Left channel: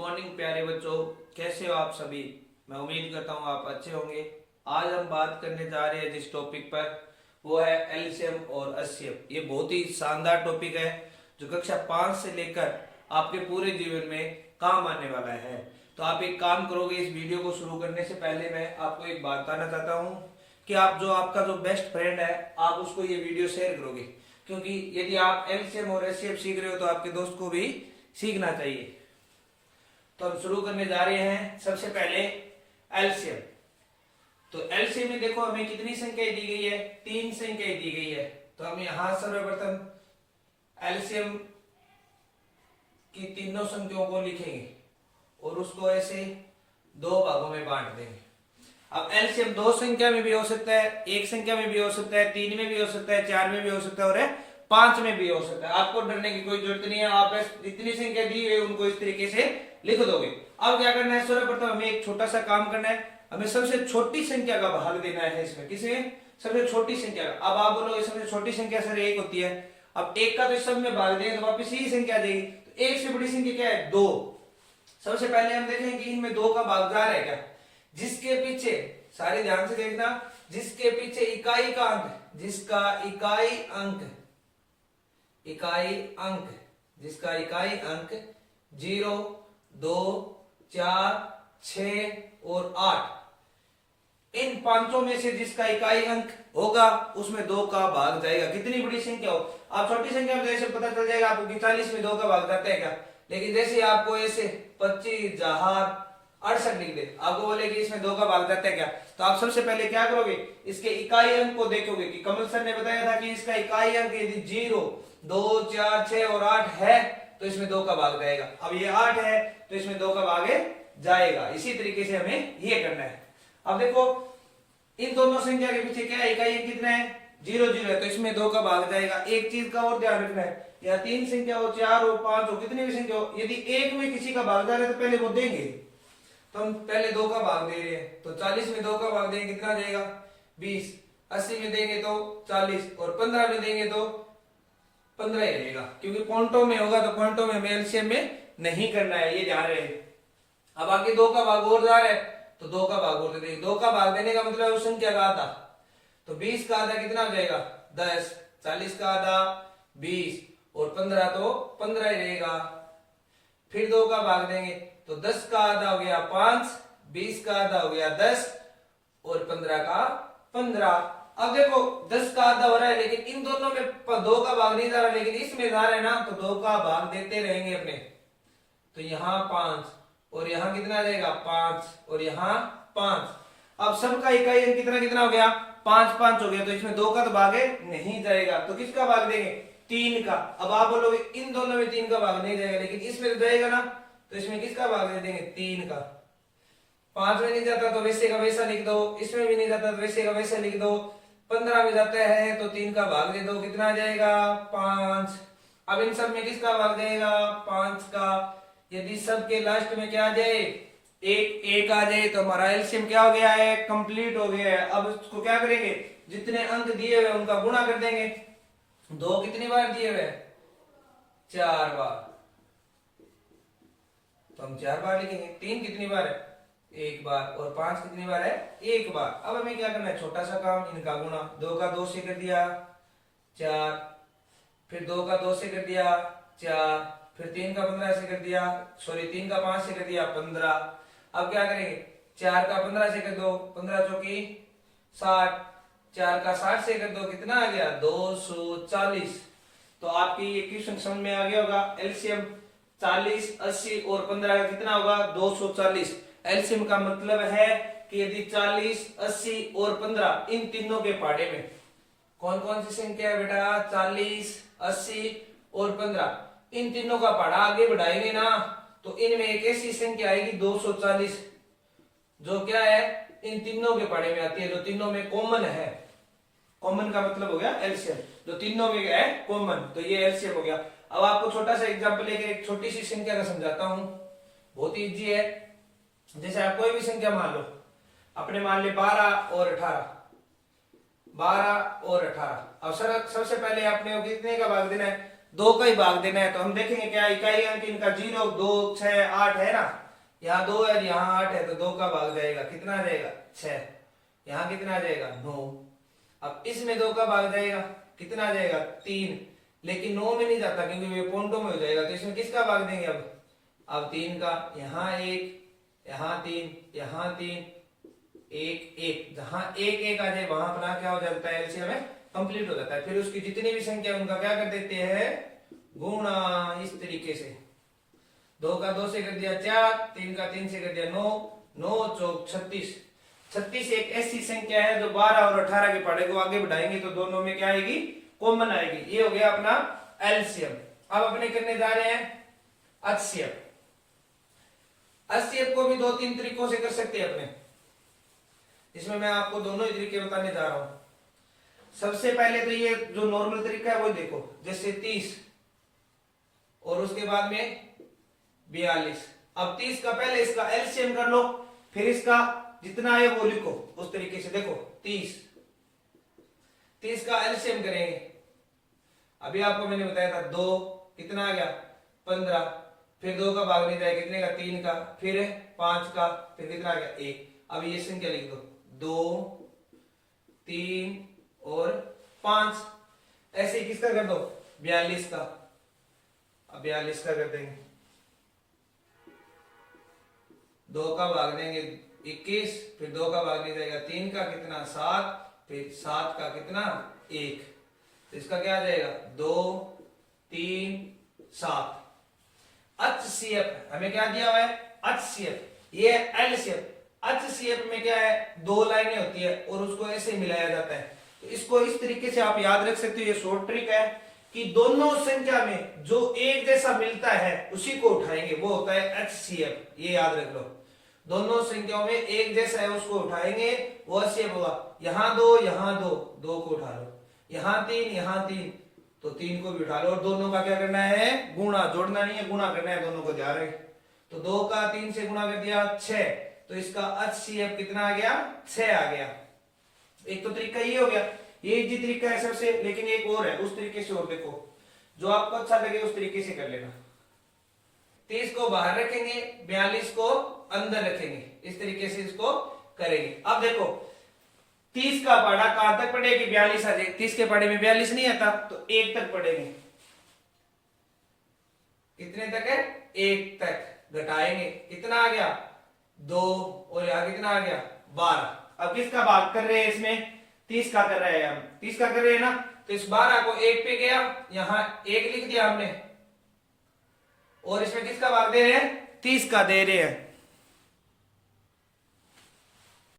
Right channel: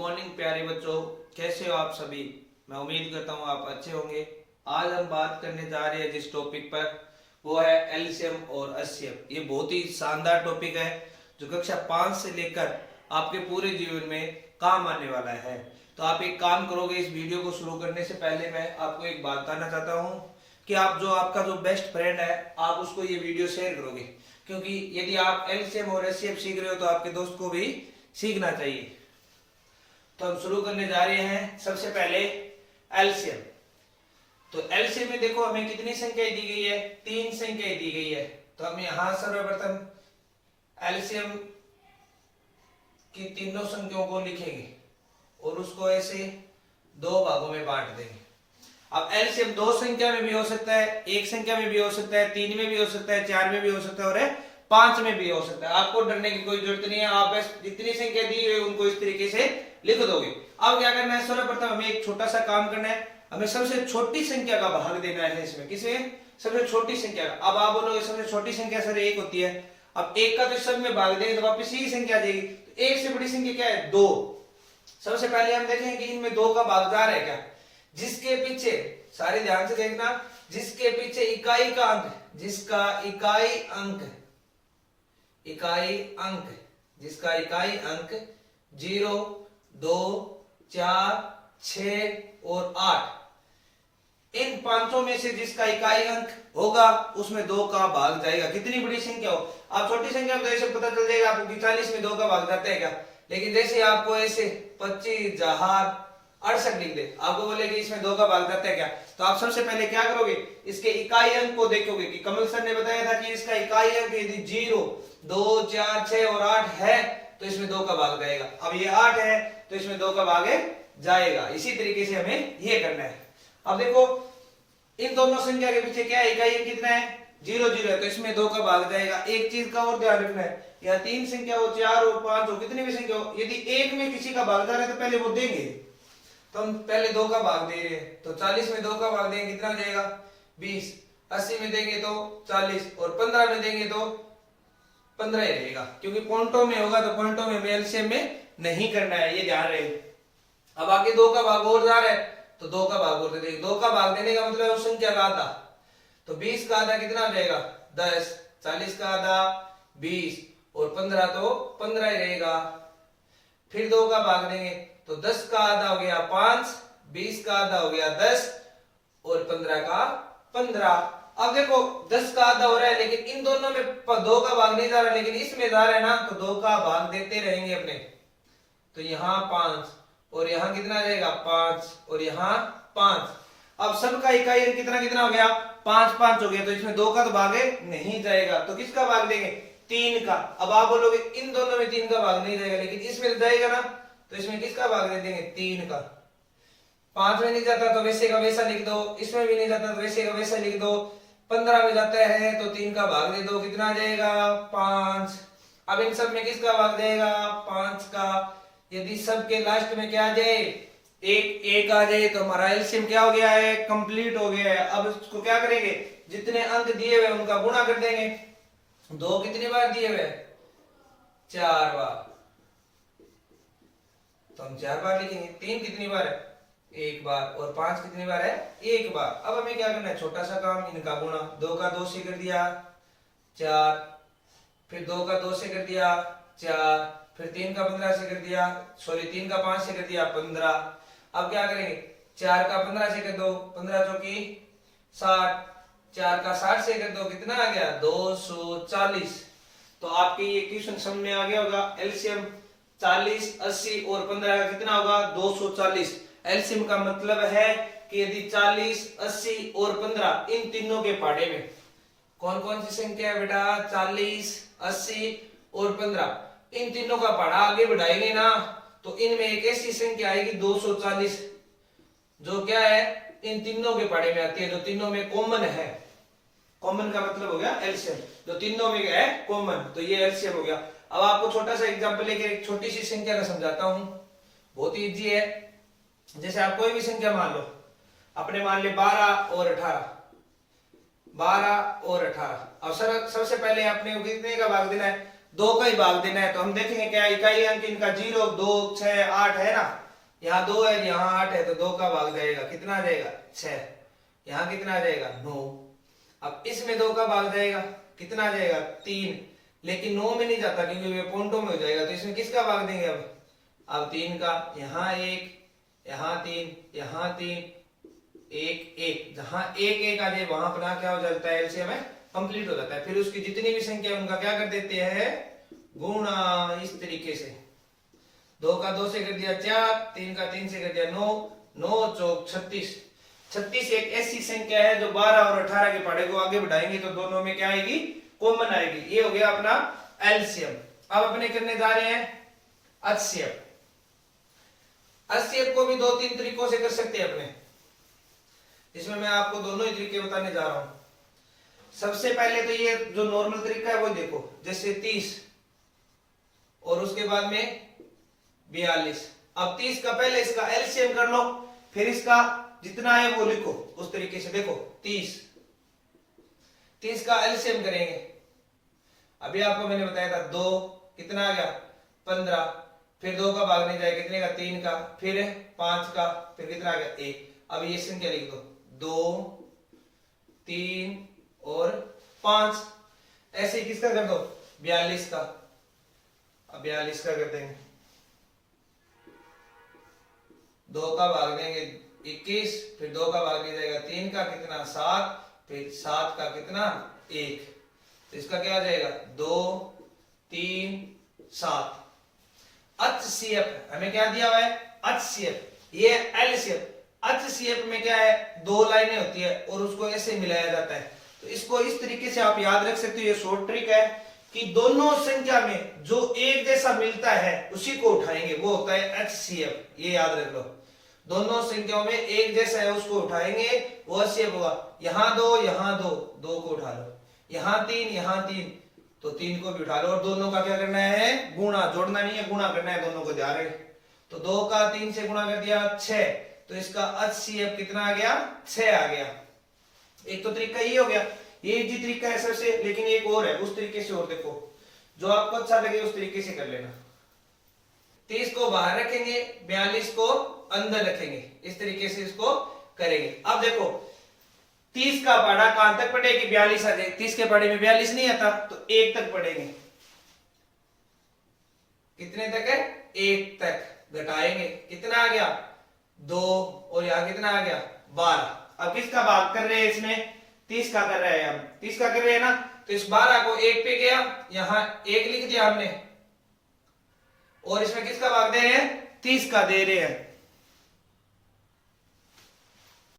Morning प्यारे बच्चों, कैसे हो आप सभी। मैं उम्मीद करता हूँ आप अच्छे होंगे। आज हम बात करने जा रहे हैं जिस टॉपिक पर, वो है एलसीएम और एचसीएफ। ये बहुत ही शानदार टॉपिक है जो कक्षा 5 से लेकर आपके पूरे जीवन में काम आने वाला है। तो आप एक काम करोगे, इस वीडियो को शुरू करने से पहले मैं आपको एक बात बताना चाहता हूँ कि आपका जो बेस्ट फ्रेंड है, आप उसको ये वीडियो शेयर करोगे, क्योंकि यदि आप एलसीएम और एचसीएफ सीख रहे हो तो आपके दोस्त को भी सीखना चाहिए। तो हम शुरू करने जा रहे हैं। सबसे पहले एलसीएम। तो एलसीएम में देखो हमें कितनी संख्याएं दी गई है, 3 संख्याएं दी गई है। तो हम यहां सर्वप्रथम एलसीएम की तीनों संख्याओं को लिखेंगे और उसको ऐसे 2 भागों में बांट देंगे। अब एलसीएम 2 संख्या में भी हो सकता है, 1 संख्या में भी हो सकता है, 3 में भी हो सकता है, 4 में भी हो सकता है और 5 में भी हो सकता है। आपको डरने की कोई जरूरत नहीं है, आप बस जितनी संख्या दी हुई उनको इस तरीके से लिख दोगे। अब क्या करना है, सर्वप्रथम हमें एक छोटा सा काम करना है। हमें सबसे छोटी संख्या का भाग देना है इसमें। किसे? सबसे छोटी संख्या का। अब आप बोलोगे सबसे छोटी संख्या सर 1 होती है। अब 1 का तो सब में भाग देंगे तो वापस यही संख्या आ जाएगी। तो 1 से बड़ी संख्या क्या है? 2। सबसे पहले हम देखेंगे कि इनमें 2 का भाग जा रहा है क्या। जिसके पीछे, सारे ध्यान से देखना, जिसके पीछे इकाई का अंक, जिसका इकाई अंक, जिसका इकाई अंक 0, 2, 4, 6 और 8, इन पांचों में से जिसका इकाई अंक होगा उसमें 2 का भाग जाएगा। कितनी बड़ी संख्या हो, आप छोटी संख्या में जैसे पता चल जाएगा आपको कि 40 में 2 का भाग जाता है क्या। लेकिन जैसे आपको ऐसे 25,068 लिख दे, आपको बोले कि इसमें 2 का भाग जाता है क्या, तो आप सबसे पहले क्या करोगे, इसके इकाई अंक को देखोगे कि कमल सर ने बताया था कि इसका इकाई अंक यदि 0, 2, 4, 6 और 8 है तो इसमें 2 का भाग जाएगा। अब ये 8 है तो इसमें 2 का भाग जाएगा। इसी तरीके से हमें ये करना है। अब देखो इन दोनों संख्या के पीछे क्या है, इकाई अंक कितना है, 0, 0 है तो इसमें 2 का भाग जाएगा। एक चीज का और ध्यान रखना है, या 3 संख्या हो, 4 हो, 5 हो, कितनी भी संख्या हो, यदि एक में किसी का भाग जा रहा है तो पहले वो देंगे। तो हम पहले 2 का भाग दे रहे हैं तो 40 में 2 का भाग देंगे, कितना हो जाएगा 20। 80 में देंगे तो 40 और 15 में देंगे तो 15 ही रहेगा, क्योंकि पॉइंटों में होगा तो पॉइंटों में एलसीएम में नहीं करना है, ये ध्यान रहे। अब आगे 2 का भाग और जा रहा है तो 2 का भाग और दे देंगे। 2 का भाग देने का मतलब उस संख्या का आधा, तो 20 का आधा कितना हो जाएगा 10, 40 का आधा 20 और 15 तो 15 ही रहेगा। फिर 2 का भाग देंगे तो 10 का आधा हो गया 5, 20 का आधा हो गया 10 और 15 का 15। अब देखो 10 का आधा हो रहा है लेकिन इन दोनों में 2 का भाग नहीं जा रहा, लेकिन इसमें जा रहा है ना, तो 2 का भाग देते रहेंगे अपने। तो यहाँ 5 और यहाँ कितना आ जाएगा 5 और यहाँ 5। अब सबका इकाई अंक कितना कितना हो गया 5, 5 हो गया, तो इसमें 2 का तो भाग नहीं जाएगा। तो किसका भाग देंगे 3 का। अब आप बोलोगे इन दोनों में 3 का भाग नहीं जाएगा, लेकिन इसमें तो जाएगा ना, तो इसमें किसका भाग दे देंगे 3 का। 5 में नहीं जाता तो वैसे का वैसा लिख दो, इसमें भी नहीं जाता तो वैसे का वैसा लिख दो। 15 में जाता है तो 3 का भाग दे दो, कितना आ जाएगा 5। अब इन सब में किसका भाग जाएगा 5 का। यदि सब के लास्ट में क्या आ जाए, एक आ जाए तो हमारा एलसीएम क्या हो गया है, कंप्लीट हो गया है। अब इसको क्या करेंगे, जितने अंक दिए हुए उनका गुणा कर देंगे। 2 कितनी बार दिए हुए 4 बार, तो हम 4 बार लिखेंगे। 3 कितनी बार है 1 बार और 5 कितनी बार है 1 बार। अब हमें क्या करना है, छोटा सा काम, इनका गुणा। 2 का 2 से कर दिया 4, फिर 2 का 2 से कर दिया 4, फिर 3 का 15 से कर दिया, 3 का 5 से कर दिया 15। अब क्या करेंगे, 4 का 15 से कर दो, 15 चौकी 60, 4 का 60 से कर दो, कितना आ गया 240। तो आपकी ये क्वेश्चन समझ में आ गया होगा। एलसीएम 40, 80 और 15 का कितना होगा 240। एलसीएम का मतलब है कि यदि 40, 80 और 15 इन तीनों के पहाड़े में कौन कौन सी संख्या है बेटा, 40, 80 और 15, इन तीनों का पहाड़ा आगे बढ़ाएंगे ना, तो इनमें एक ऐसी संख्या आएगी 240 जो क्या है इन तीनों के पहाड़े में आती है, जो तीनों में कॉमन है। कॉमन का मतलब हो गया एलसीएम, जो तीनों में है कॉमन, तो ये एलसीएम हो गया। अब आपको छोटा सा एग्जांपल लेके एक छोटी सी संख्या का समझाता हूं, बहुत ही इजी है। जैसे आप कोई भी संख्या मान लो, अपने मान ले 12 और 18, 12 और 18। अब सर सबसे पहले आपने कितने का भाग देना है, दो का ही भाग देना है। तो हम देखेंगे क्या इकाई अंक इनका 0, 2, 6, 8 है ना, यहाँ 2 है यहाँ 8 है, तो 2 का भाग जाएगा, कितना आ जाएगा 6, यहाँ कितना आ जाएगा 9। अब इसमें 2 का भाग जाएगा, कितना आ जाएगा 3, लेकिन 9 में नहीं जाता क्योंकि वे पॉइंटों में हो जाएगा, तो इसमें किसका भाग देंगे अब 3 का, यहाँ 1, यहाँ 3, यहाँ 3, 1 1, जहां 1 1 आ जाए वहां अपना क्या हो जाता है, एलसीएम में कंप्लीट हो जाता है। फिर उसकी जितनी भी संख्या उनका क्या कर देते हैं, गुणा, इस तरीके से 2 का 2 से कर दिया 4, 3 का 3 से कर दिया 9, 9 चौक 36। 36 एक ऐसी संख्या है जो 12 और 18 के पढ़े को आगे बढ़ाएंगे तो दोनों में क्या आएगी, कॉमन आएगी। ये हो गया अपना एलसीएम। अब अपने करने जा रहे हैं एचसीएफ। एचसीएफ को भी 2-3 तरीकों से कर सकते हैं अपने, इसमें मैं आपको दोनों ही तरीके बताने जा रहा हूं। सबसे पहले तो ये जो नॉर्मल तरीका है वो देखो, जैसे 30 और उसके बाद में 42। अब 30 का पहले इसका एलसीएम कर लो, फिर इसका जितना है वो लिखो उस तरीके से। देखो 30 का एलसीएम करेंगे, अभी आपको मैंने बताया था 2, कितना आ गया 15, फिर 2 का भाग नहीं जाएगा, कितने का 3 का, फिर 5 का, फिर कितना आ गया 1। अब ये संख्या लिख दो 2, 3 और 5। ऐसे ही किसका कर दो 42 का, अब 42 का कर देंगे, 2 का भाग देंगे 21, फिर 2 का भाग नहीं जाएगा, 3 का कितना 7, फिर 7 का कितना 1, तो इसका क्या आ जाएगा 2, 3, 7। एचसीएफ हमें क्या दिया हुआ है, एचसीएफ, ये एलसीएफ। एचसीएफ में क्या है, 2 लाइनें होती है और उसको ऐसे मिलाया जाता है, तो इसको इस तरीके से आप याद रख सकते हो। ये शॉर्ट ट्रिक है कि दोनों संख्या में जो एक जैसा मिलता है उसी को उठाएंगे, वो होता है एचसीएफ। ये याद रख लो, दोनों संख्याओं में एक जैसा है उसको उठाएंगे, वो एचसीएफ होगा। यहाँ 2, यहाँ 2, 2 को उठा लो, यहाँ 3, यहाँ 3, तो 3 को भी उठा लो, और दोनों का क्या करना है, गुणा, जोड़ना नहीं है, गुणा करना है दोनों को, जा रहे। तो 2 का 3 से गुणा कर दिया 6, तो इसका एचसीएफ कितना आ गया 6 आ गया। एक तो तरीका ये हो गया, ये इजी तरीका है सबसे, लेकिन एक और है उस तरीके से, और देखो जो आपको अच्छा लगे उस तरीके से कर लेना। 30 को बाहर रखेंगे, 42 को अंदर रखेंगे, इस तरीके से इसको करेंगे। अब देखो 30 का पढ़ा कहां तक पढ़ेगी, 42 आ जाए, 30 के पढ़े में 42 नहीं आता तो 1 तक पढ़ेंगे, कितने तक है 1 तक घटाएंगे, कितना आ गया 2, और यहां कितना आ गया 12। अब किसका भाग कर रहे हैं इसमें, 30 का कर रहे हैं हम, 30 का कर रहे हैं ना, तो इस 12 को 1 पे गया, यहां 1 लिख दिया हमने, और इसमें किसका भाग दे रहे हैं 30 का दे रहे हैं।